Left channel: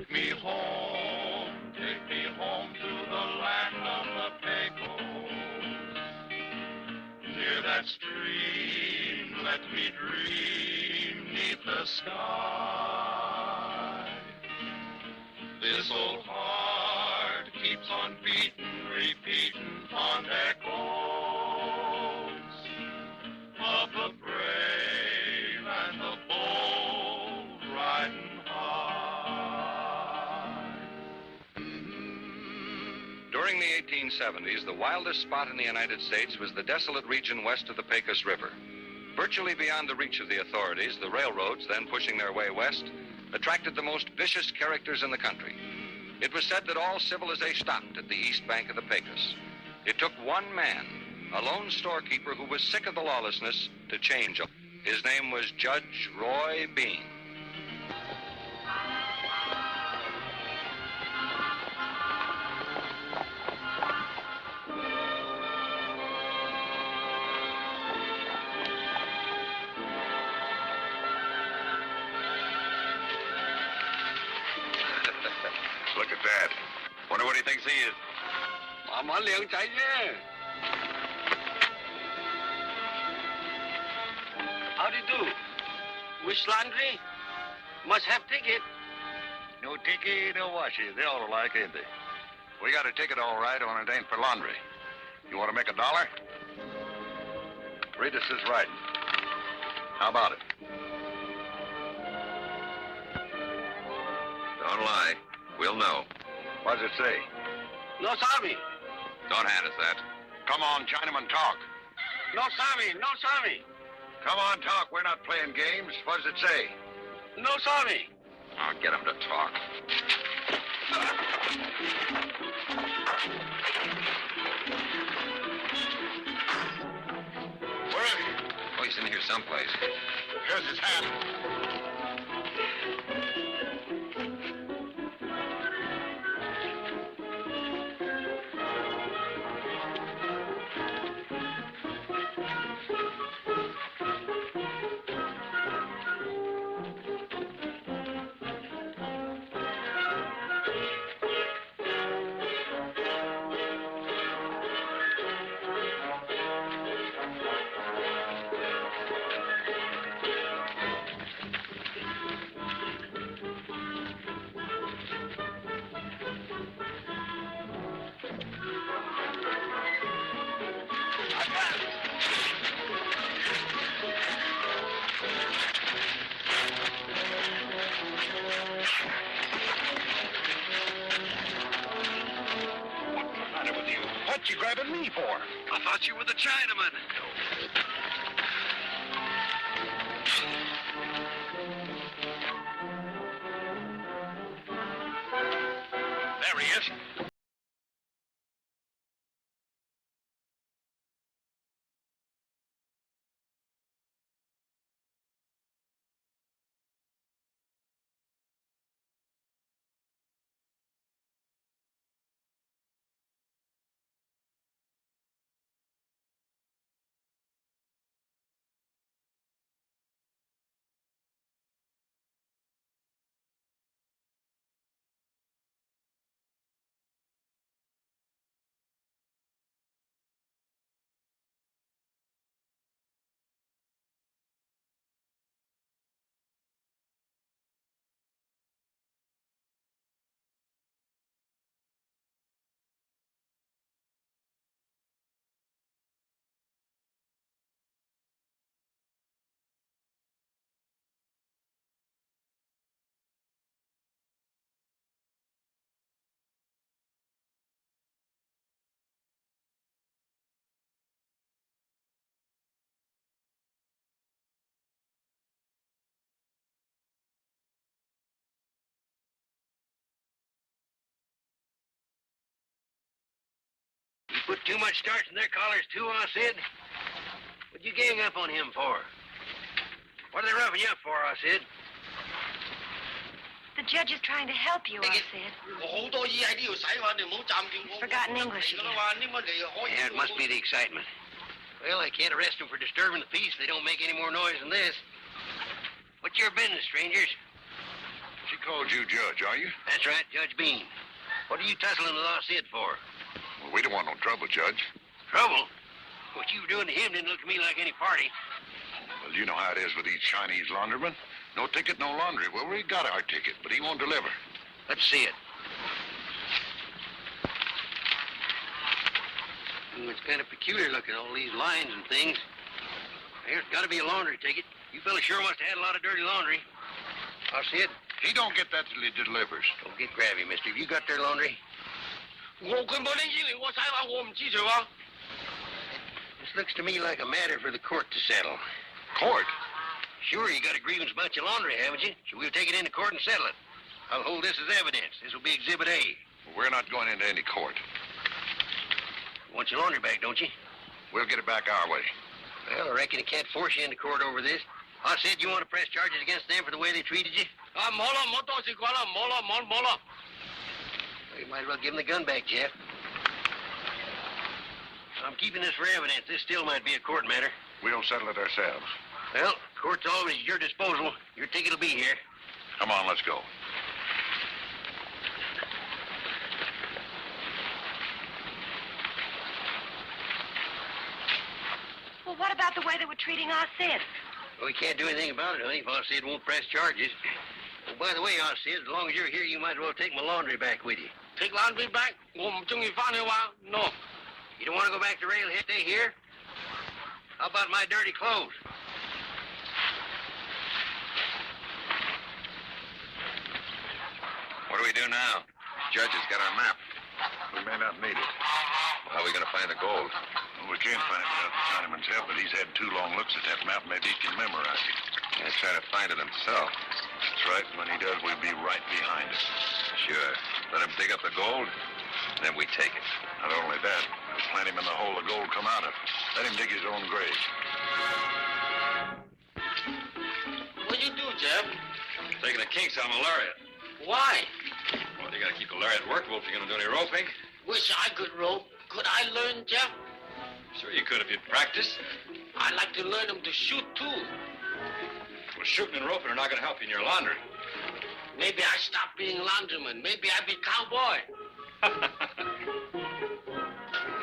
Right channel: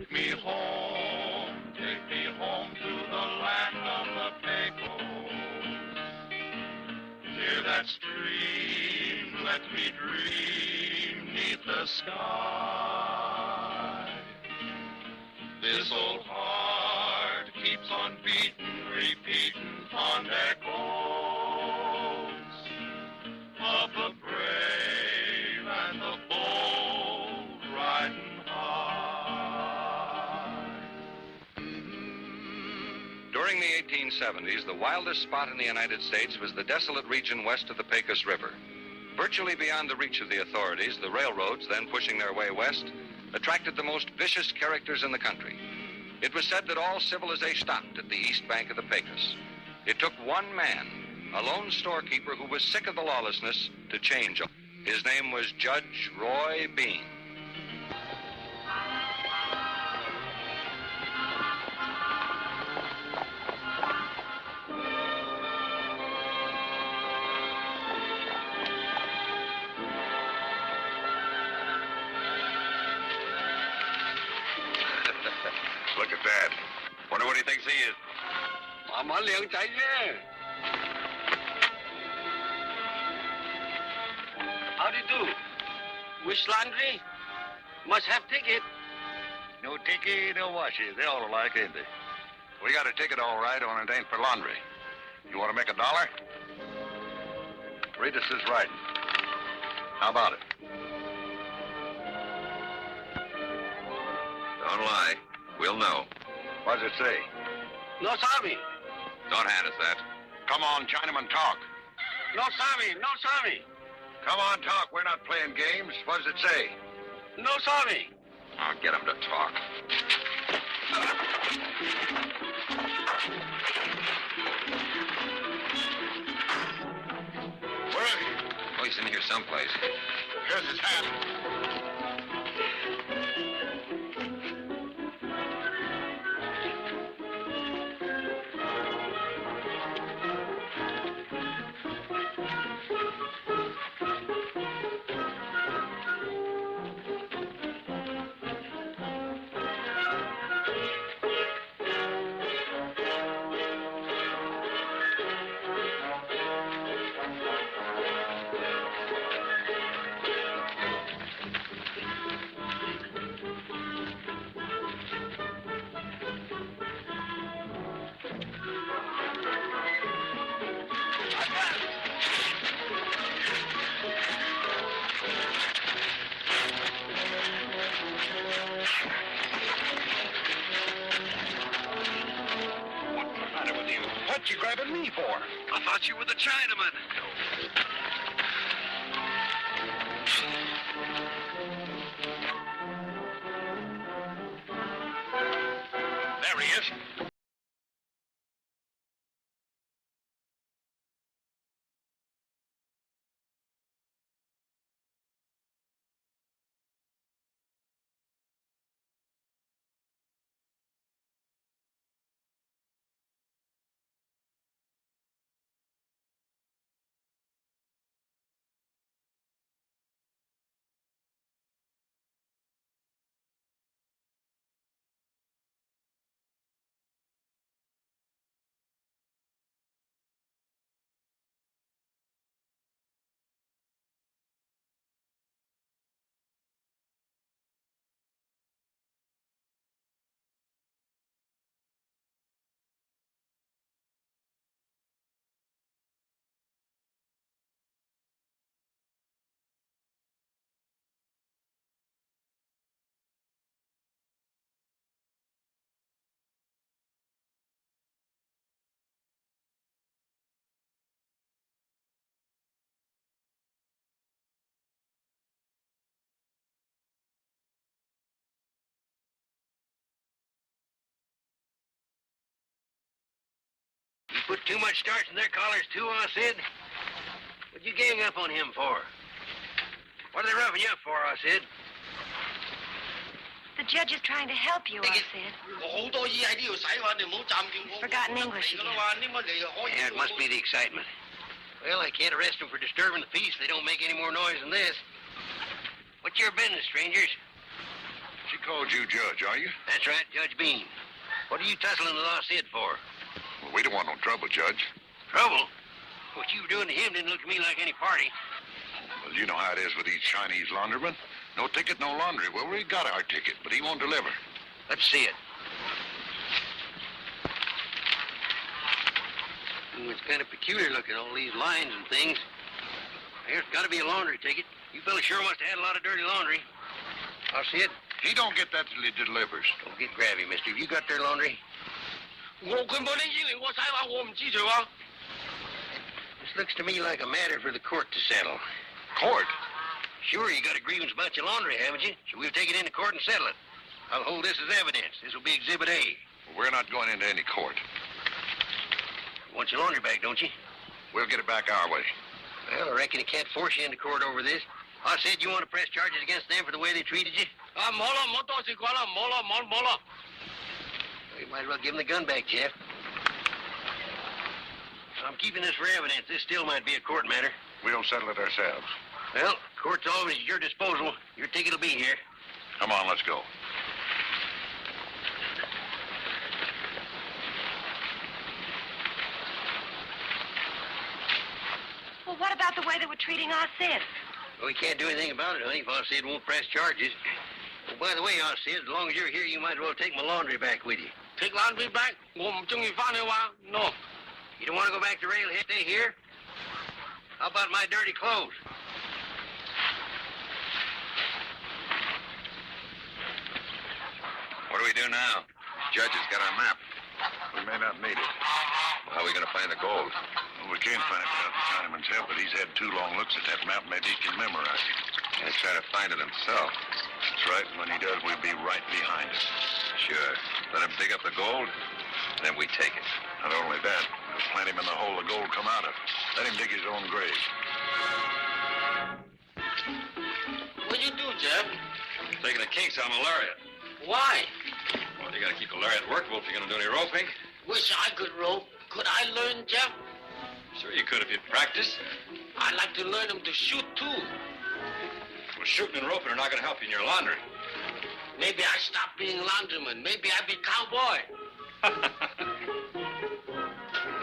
Take me home to the land of the Pecos. Near that stream, let me dream 'neath the sky. This old heart keeps on beating, repeating fond echoes of the brave and the bold riding high. During the 1870s, the wildest spot in the United States was the desolate region west of the Pecos River. Virtually beyond the reach of the authorities, the railroads, then pushing their way west, attracted the most vicious characters in the country. It was said that all civilization stopped at the east bank of the Pecos. It took one man, a lone storekeeper who was sick of the lawlessness, to change. His name was Judge Roy Bean. Look at that. Wonder what he thinks he is. Mama Liu Chai Ye. How do you do? Wish laundry? Must have ticket. No ticket, no washing. They all like it. We got a ticket all right, only it ain't for laundry. You want to make $1? Read us his writing. How about it? Don't lie. We'll know. What does it say? No Sami. Don't hand us that. Come on, Chinaman, talk. No Sami. No Sami. Come on, talk. We're not playing games. What does it say? No Sami. I'll get him to talk. Where is he? Oh, he's in here someplace. Here's his hat. What you grabbing me for? I thought you were the Chinaman. There he is. Put too much starch in their collars, too, Sid? What'd you gang up on him for? What are they roughing you up for, Sid? The judge is trying to help you, Sid. Forgotten English again. Yeah, it must be the excitement. Well, they can't arrest them for disturbing the peace if they don't make any more noise than this. What's your business, strangers? She called you Judge, are you? That's right, Judge Bean. What are you tussling with our Sid for? Well, we don't want no trouble, Judge. Trouble? What you were doing to him didn't look to me like any party. Well, you know how it is with these Chinese laundrymen. No ticket, no laundry. Well, we got our ticket, but he won't deliver. Let's see it. It's kind of peculiar looking, all these lines and things. There's got to be a laundry ticket. You fellas sure must have had a lot of dirty laundry. Our Sid? He don't get that till he delivers. Don't get grabby, mister. Have you got their laundry? This looks to me like a matter for the court to settle. Court? Sure, you got a grievance about your laundry, haven't you? So we'll take it into court and settle it. I'll hold this as evidence. This will be Exhibit A. Well, we're not going into any court. You want your laundry back, don't you? We'll get it back our way. Well, I reckon he can't force you into court over this. I said you want to press charges against them for the way they treated you? You might as well give him the gun back, Jeff. I'm keeping this for evidence. This still might be a court matter. We'll settle it ourselves. Well, court's always at your disposal. Your ticket will be here. Come on, let's go. Well, what about the way they were treating our Sid? Well, we can't do anything about it, honey, if our Sid won't press charges. Oh, by the way, our Sid, as long as you're here, you might as well take my laundry back with you. Take laundry back? No. You don't want to go back to Railhead? Stay here? How about my dirty clothes? What do we do now? Judge has got our map. We may not need it. How are we going to find the gold? Well, we can't find it without the Chinaman's help, but he's had 2 long looks at that map. Maybe he can memorize it. He's trying to find it himself. That's right. When he does, we'll be right behind him. Sure. Let him dig up the gold, then we take it. Not only that, we'll plant him in the hole the gold come out of. Let him dig his own grave. What'd you do, Jeff? Taking the kinks out of malaria. Why? Well, you got to keep the lariat workable if you're going to do any roping. Wish I could rope. Could I learn, Jeff? Sure you could if you'd practice. I'd like to learn them to shoot, too. Well, shooting and roping are not going to help you in your laundry. Maybe I stop being laundryman. Maybe I be cowboy. What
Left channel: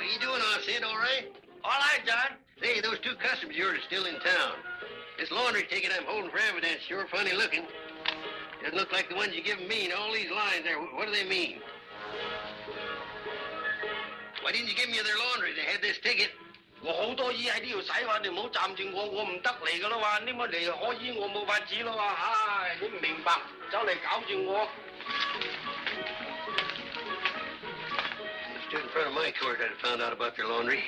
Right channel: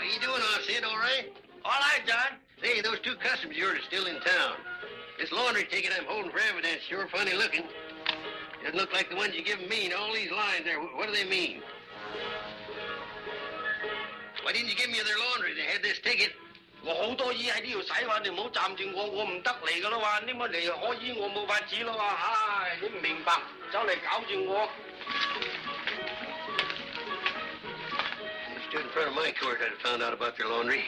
are you doing, Sid? All right? All right, John. Hey, those 2 customers of yours are still in town. This laundry ticket I'm holding for evidence sure funny looking. Doesn't look like the ones you given me and all these lines there. What do they mean? Why didn't you give me their laundry? They had this ticket. 我好多嘢喺呢度使嘛，你唔好暫住我唔得嚟噶啦嘛，你咪嚟可以我冇法子啦嘛，唉，你唔明白，走嚟搞住我。Stood in front of my court, I'd have found out about their laundry.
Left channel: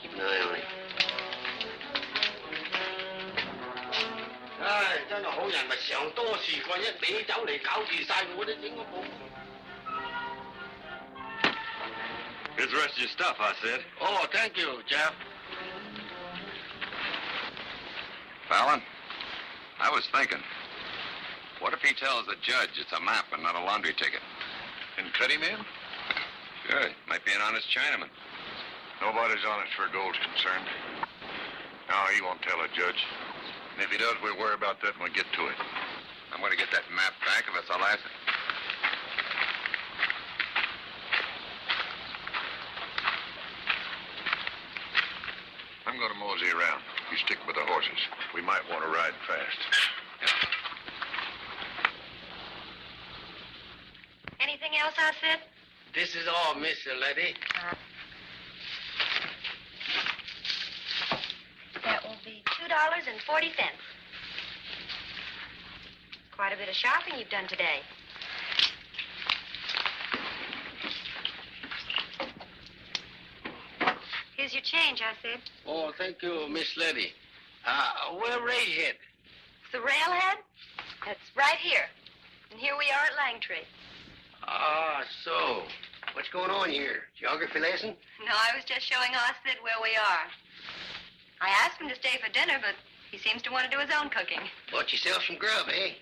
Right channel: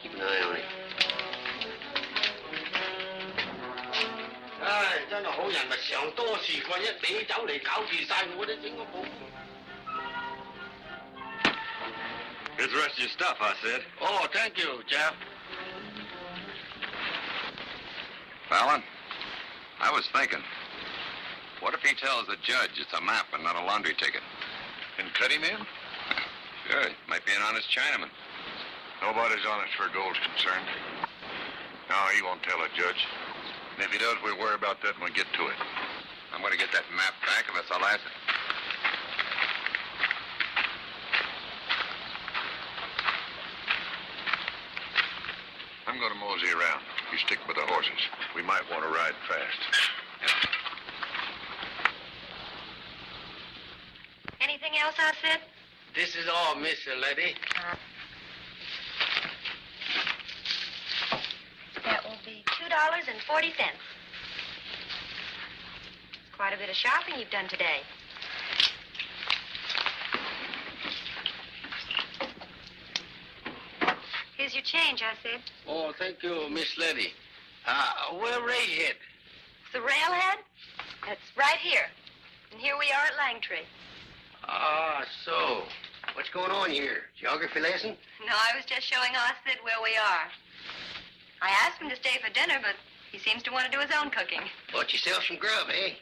Keep an eye on it. 唉，真係好人咪常多事幹，一味走嚟搞住晒我都整個冇。Here's the rest of your stuff, I said. Oh, thank you, Jeff. Fallon, I was thinking, what if he tells the judge it's a map and not a laundry ticket? And cut him in? Good. Might be an honest Chinaman. Nobody's honest where gold's concerned. No, he won't tell a judge. And if he does, we'll worry about that when we get to it. I'm going to get that map back if it's Alaska. I'm going to mosey around. You stick with the horses. We might want to ride fast. Anything else, I said? This is all, Mr. Levy. That will be $2.40. Quite a bit of shopping you've done today. Here's your change, I said. Oh, thank you, Miss Levy. Where Rayhead? The railhead? It's right here. And here we are at Langtry. Ah, so. What's going on here? Geography lesson? No, I was just showing Ossid where we are. I asked him to stay for dinner, but he seems to want to do his own cooking. Bought yourself some grub, eh?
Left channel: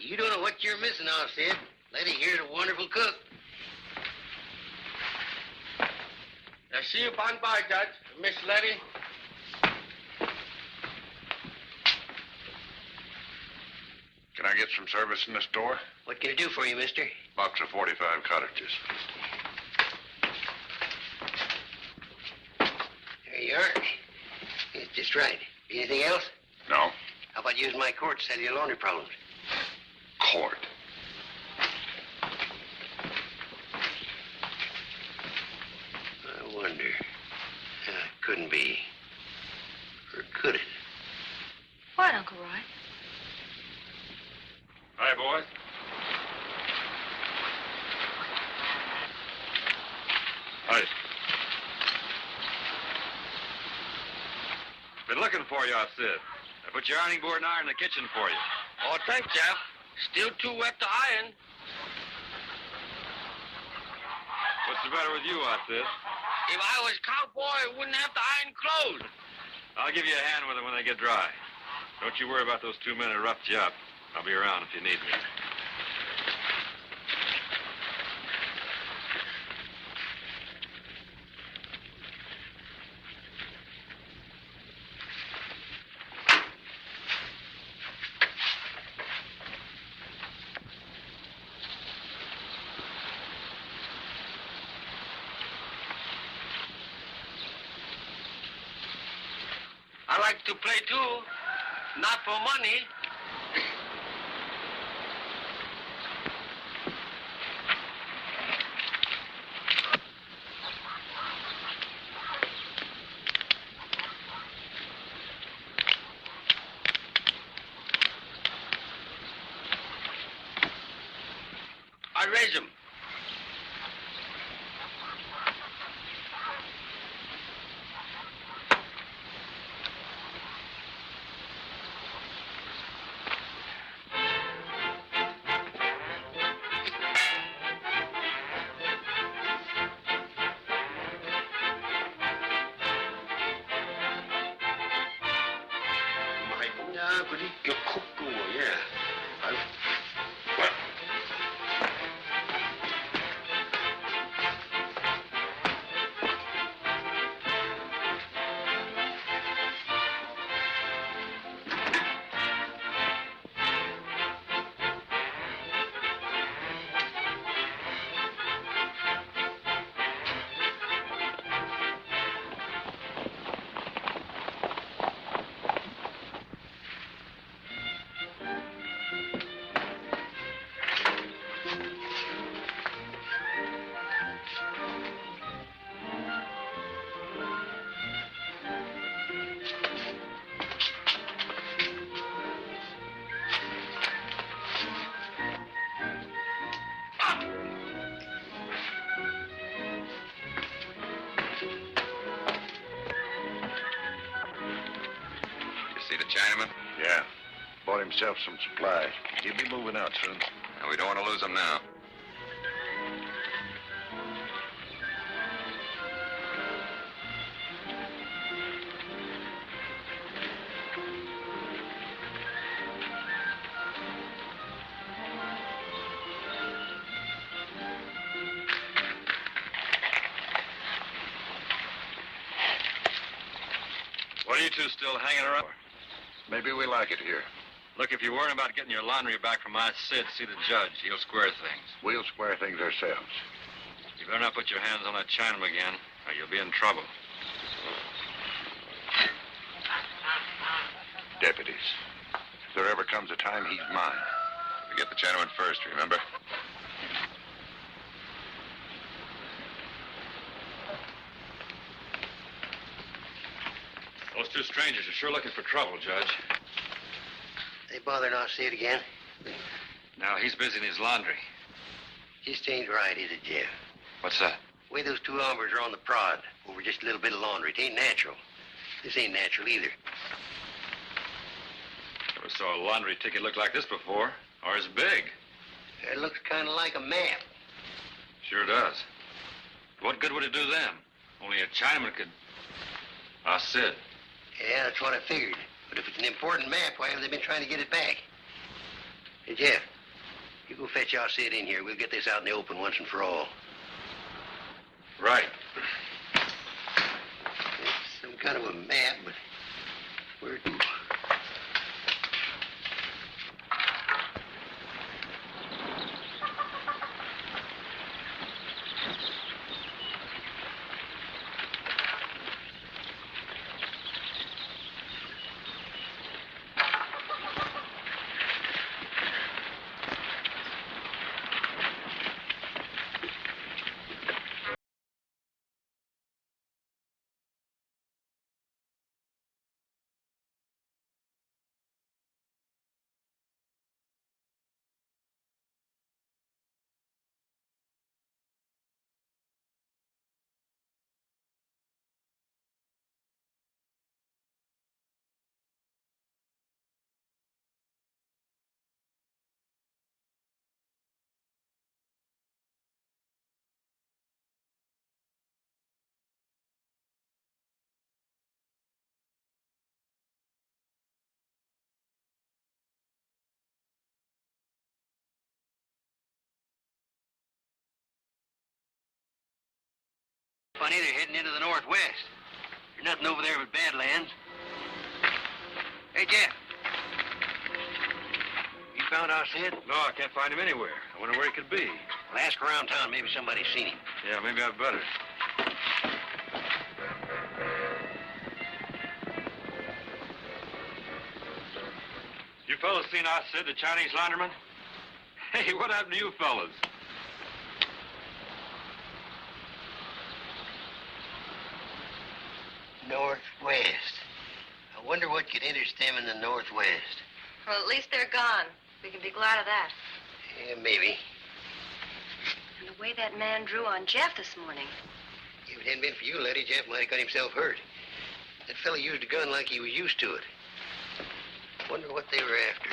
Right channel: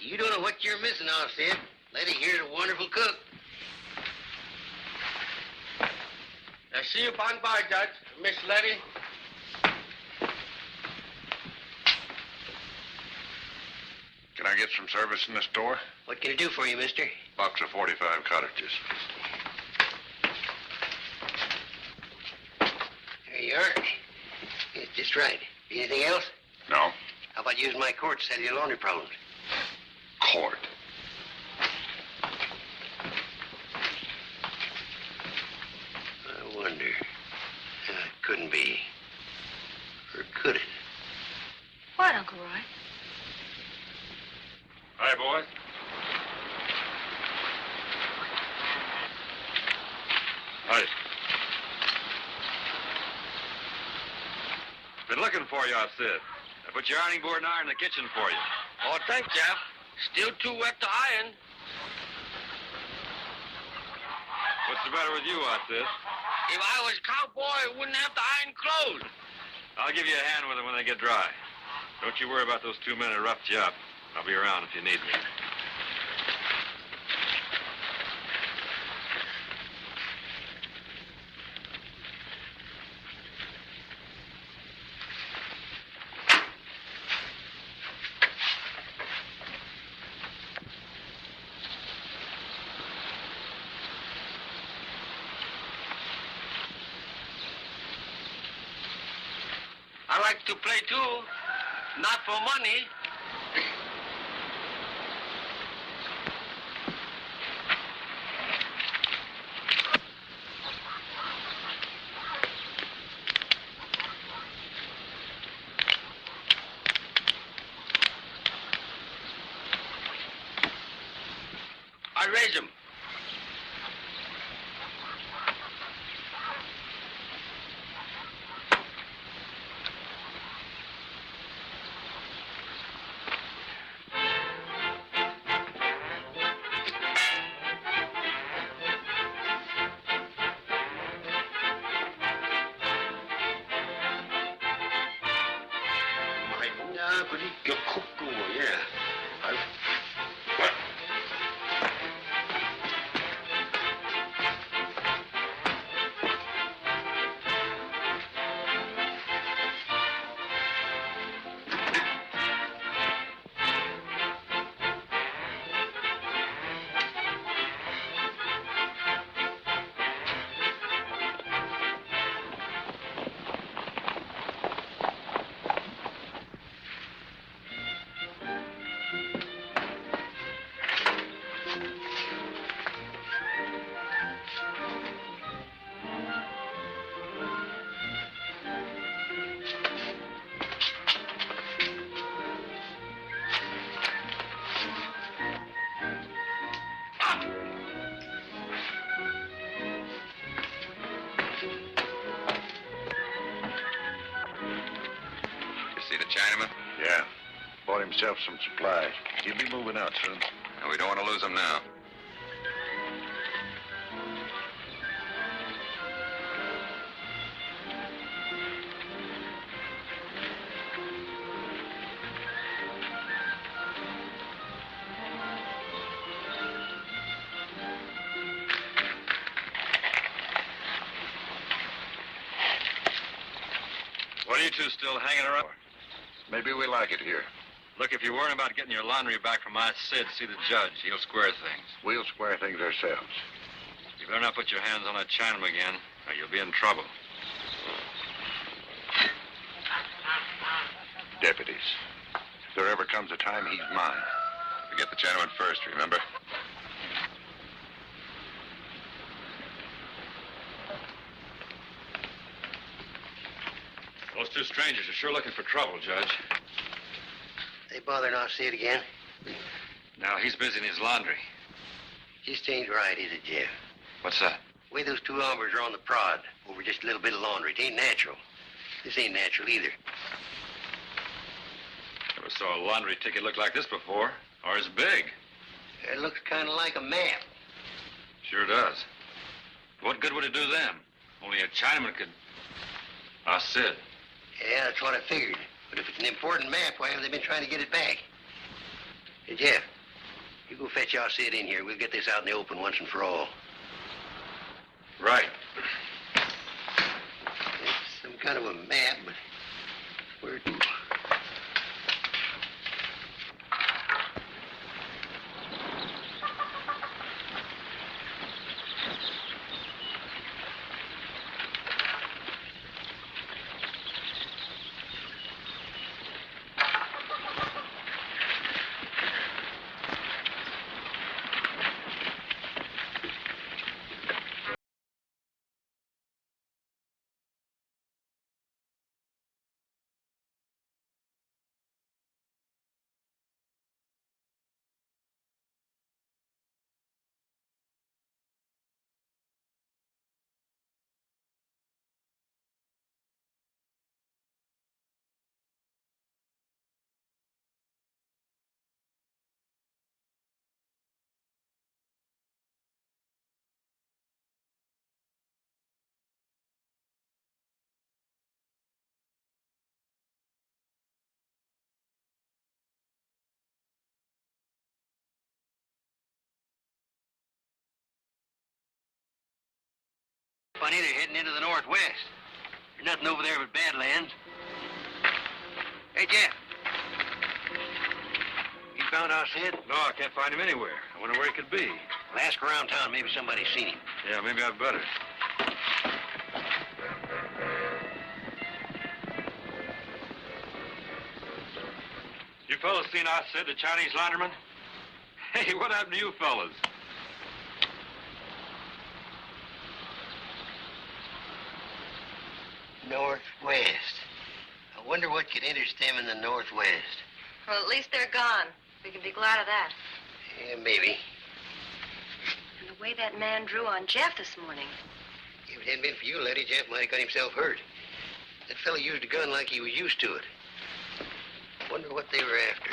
You don't know what you're missing, Ossid. Lady here's a wonderful cook. Now, see you by and by, Judge. Miss Levy. Can I get some service in the store? What can I do for you, mister? Box of 45 cartridges. There you are. It's just right. Anything else? No. How about using my court to settle your laundry problems? Court. I wonder. Couldn't be. Or could it? What, Uncle Roy? Hi, boys. Hi. Been looking for you, I said. I put your ironing board and iron in the kitchen for you. Oh, thanks, Jeff. Still too wet to iron. What's the matter with you, I said? If I was cowboy, I wouldn't have to iron clothes. I'll give you a hand with them when they get dry. Don't you worry about those 2 men who roughed you up. I'll be around if you need me. I like to play too, not for money. I raise him. See the Chinaman? Yeah. Bought himself some supplies. He'll be moving out soon. And we don't want to lose him now. What are you two still hanging around? Maybe we like it here. Look, if you're worried about getting your laundry back from my Sid, see the judge. He'll square things. We'll square things ourselves. You better not put your hands on that Chinaman again, or you'll be in trouble. Deputies. If there ever comes a time, he's mine. You get the Chinaman first, remember? Those two strangers are sure looking for trouble, Judge. They bothered our Sid again. Now he's busy in his laundry. Just ain't right, is it, Jeff? What's that? The way those two hombres are on the prod over just a little bit of laundry, it ain't natural. This ain't natural either. Never saw a laundry ticket look like this before, or as big. It looks kind of like a map. Sure does. What good would it do them? Only a Chinaman could... Sid. Yeah, that's what I figured. But if it's an important map, why have they been trying to get it back? Hey, Jeff, you go fetch our Sid in here. We'll get this out in the open once and for all. Right. It's some kind of a map, but where to? funny, they're heading into the northwest. There's nothing over there but badlands. Hey, Jeff. You found our Sid? No, I can't find him anywhere. I wonder where he could be. Well, ask around town. Maybe somebody's seen him. Yeah, maybe I'd better. You fellas seen our Sid, the Chinese laundryman? Hey, what happened to you fellas? Northwest. I wonder what could interest them in the northwest. Well, at least they're gone. We can be glad of that. Yeah, maybe. And the way that man drew on Jeff this morning. If it hadn't been for you, Letty, Jeff might have got himself hurt. That fellow used a gun like he was used to it. Wonder what they were after.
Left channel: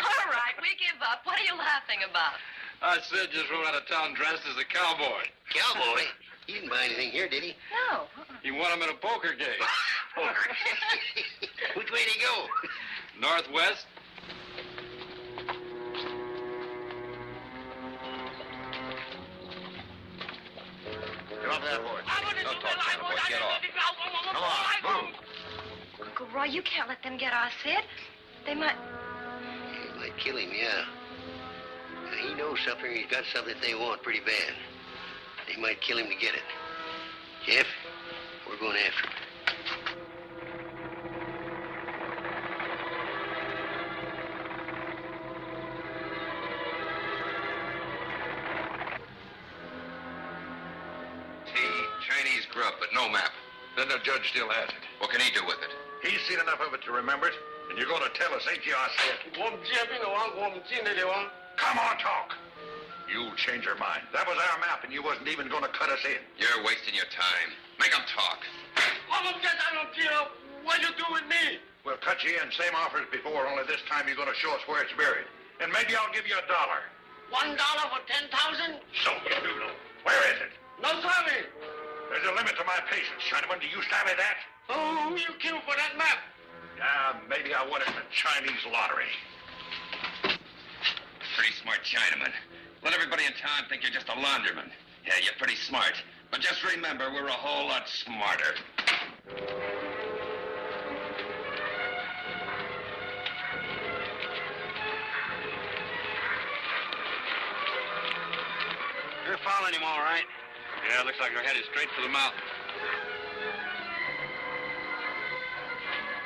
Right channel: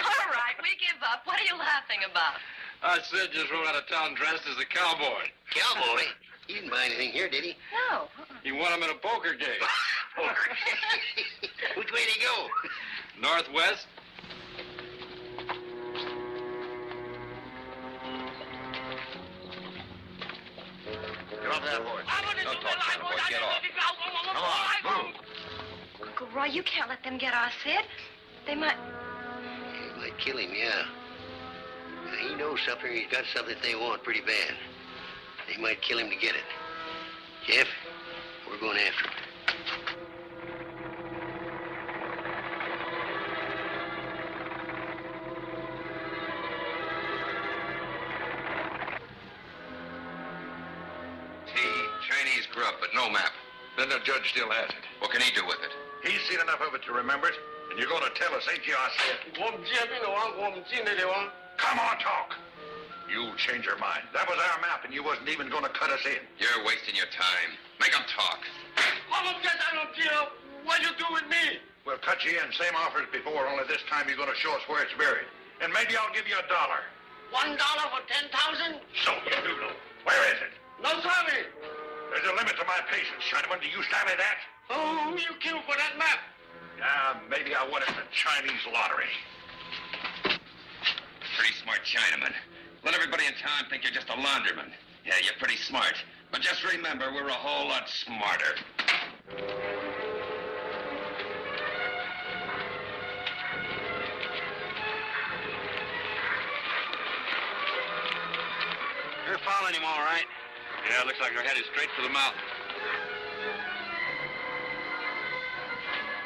All right, we give up. What are you laughing about? Our Sid just rode out of town dressed as a cowboy. Cowboy? He didn't buy anything here, did he? No. He won him in a poker game. Which way did he go? Northwest? Get off that horse. Don't talk, China boy. Get off. Come on, move. Uncle Roy, you can't let them get our Sid. They might... They might kill him, yeah. He knows something. He's got something they want pretty bad. They might kill him to get it. Jeff, we're going after him. Chinese grub, but no map. Then the judge still has it. What can he do with it? He's seen enough of it to remember it, and you're going to tell us, ain't you, I said? Come on, talk. You change your mind. That was our map, and you wasn't even going to cut us in. You're wasting your time. Make him talk. What you do with me? We'll cut you in, same offer as before, only this time you're going to show us where it's buried. And maybe I'll give you $1. $1 for 10,000? So you do know. Where is it? No, sorry. There's a limit to my patience, Chinaman. Do you savvy that? Oh, who you killed for that map? Yeah, maybe I won at the Chinese lottery. Pretty smart Chinaman. Let everybody in town think you're just a laundryman. Yeah, you're pretty smart. But just remember, we're a whole lot smarter. You're following him all right. Yeah, looks like we're headed straight for the mountain.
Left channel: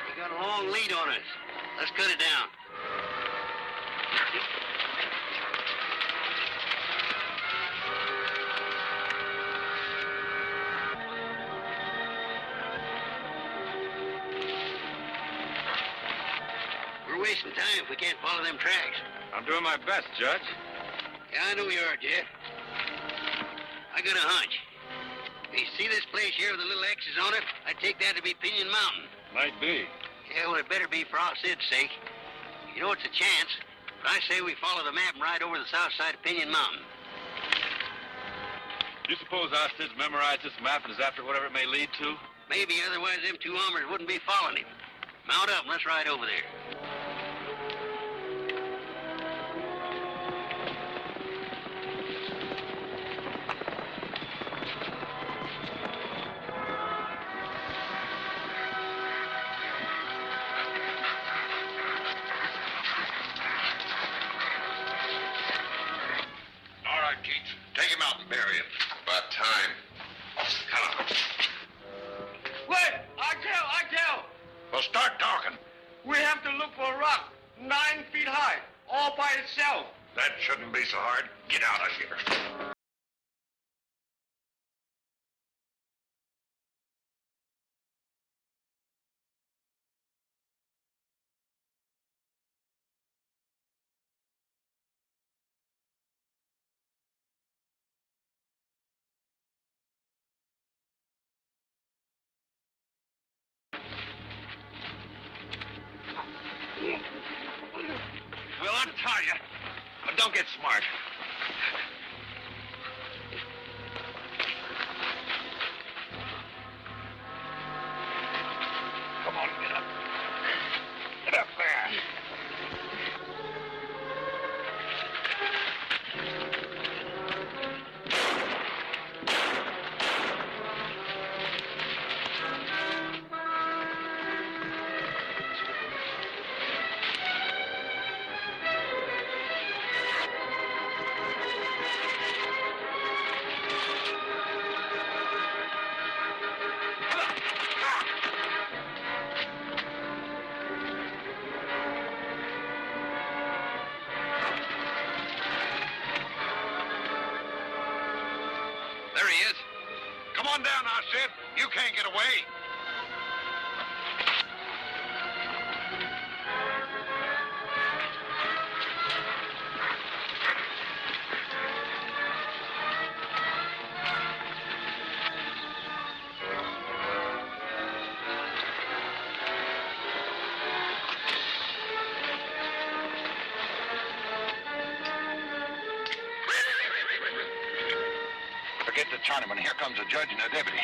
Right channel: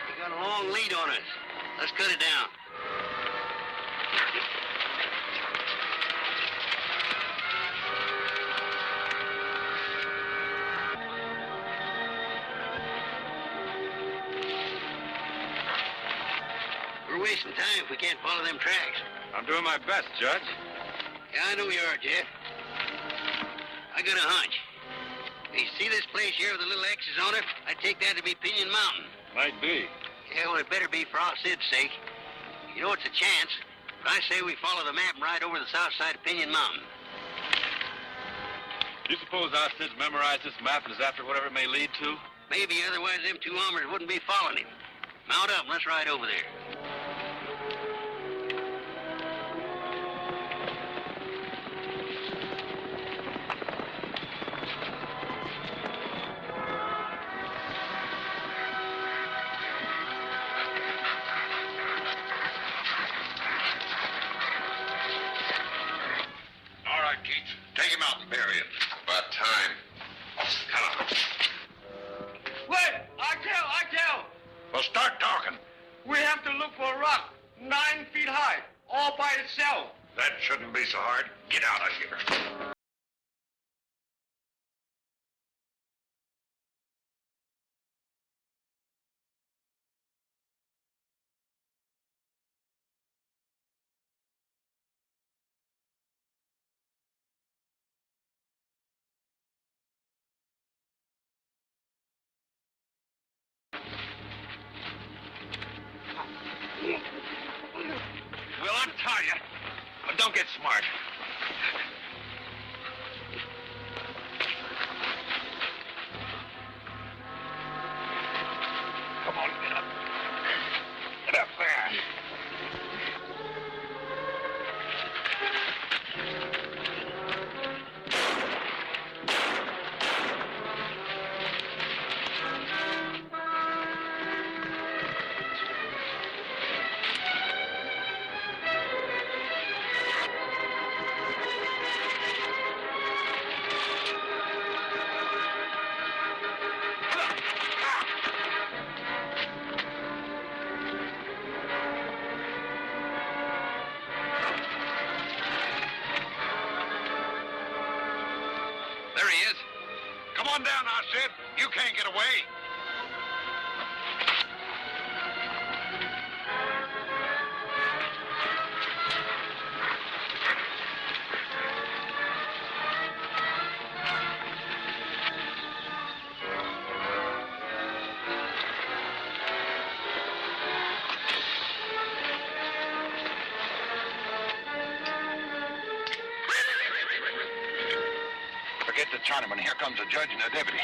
We got a long lead on us. Let's cut it down. We're wasting time if we can't follow them tracks. I'm doing my best, Judge. Yeah, I know you are, Jeff. I got a hunch. You see this place here with the little X's on it? I take that to be Pinyon Mountain. Might be. Yeah, well, it better be for our Sid's sake. You know, it's a chance. But I say we follow the map and ride over the south side of Pinyon Mountain. Do you suppose our Sis memorized this map and is after whatever it may lead to? Maybe, otherwise them two hombres wouldn't be following him. Mount up and let's ride over there. All right, Keith. Take him out and bury him. About time. Come on. Wait! I tell! Well, start talking. We have to look for a rock 9 feet high, all by itself. That shouldn't be so hard. Get out of here. Well, untie you. But don't get smart. on down, I said. You can't get away. Forget the Chinaman. Here comes the judge and the deputy.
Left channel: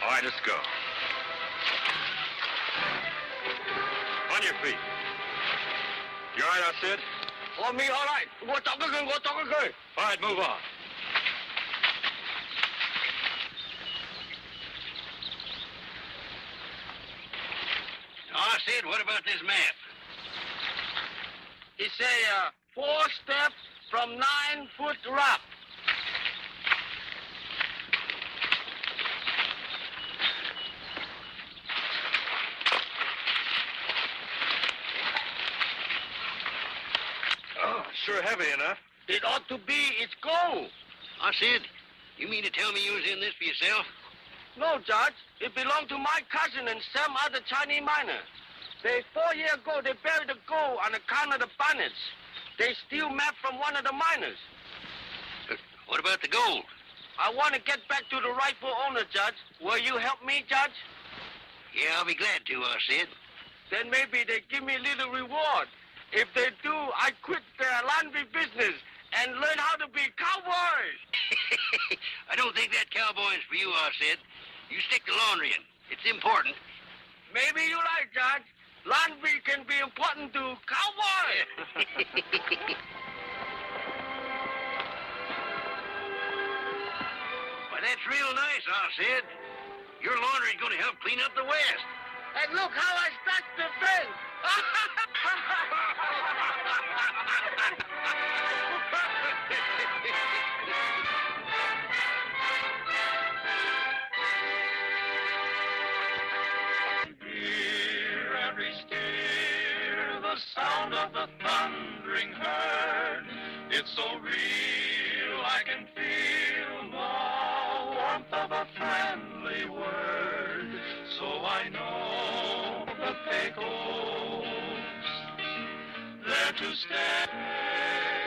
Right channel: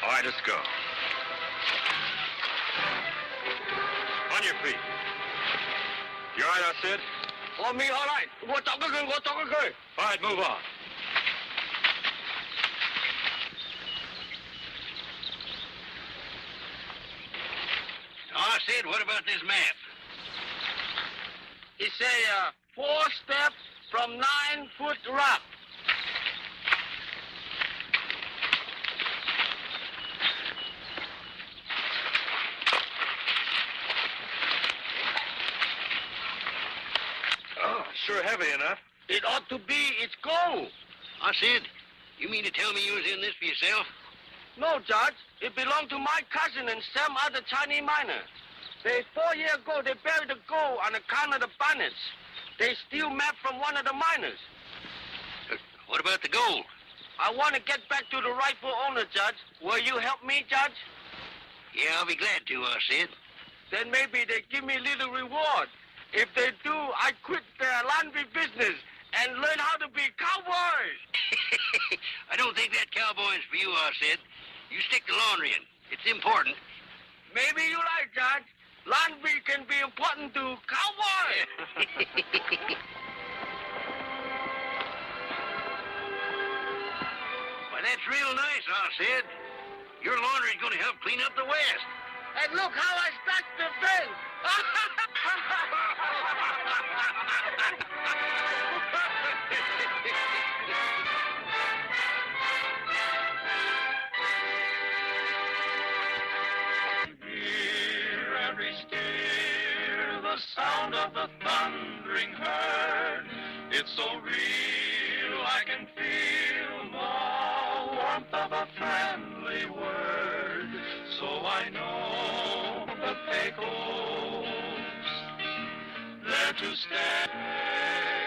All right, let's go. On your feet. You all right, I said? On me, all right. Go talk again, go talk again. All right, move on. I said, what about this map? He say, 4 steps from 9-foot rock. Oh, sure heavy enough. It ought to be. It's gold. I said, you mean to tell me you was in this for yourself? No, Judge. It belonged to my cousin and some other Chinese miner. They 4 years ago, they buried the gold on account of the bandits. They steal map from one of the miners. But what about the gold? I want to get back to the rightful owner, Judge. Will you help me, Judge? Yeah, I'll be glad to, I said. Then maybe they give me a little reward. If they do, I quit the laundry business and learn how to be cowboys. I don't think that cowboy's for you, I said. You stick to laundrying. It's important. Maybe you like, Judge. Laundry can be important to cowboys. Well, that's real nice, I said. Your laundry's going to help clean up the West. And look how I stacked the fence. Hear every steer, the sound of the thundering herd. It's so real, I can feel the warmth of a friendly word. So I know the Pecos, there to stay.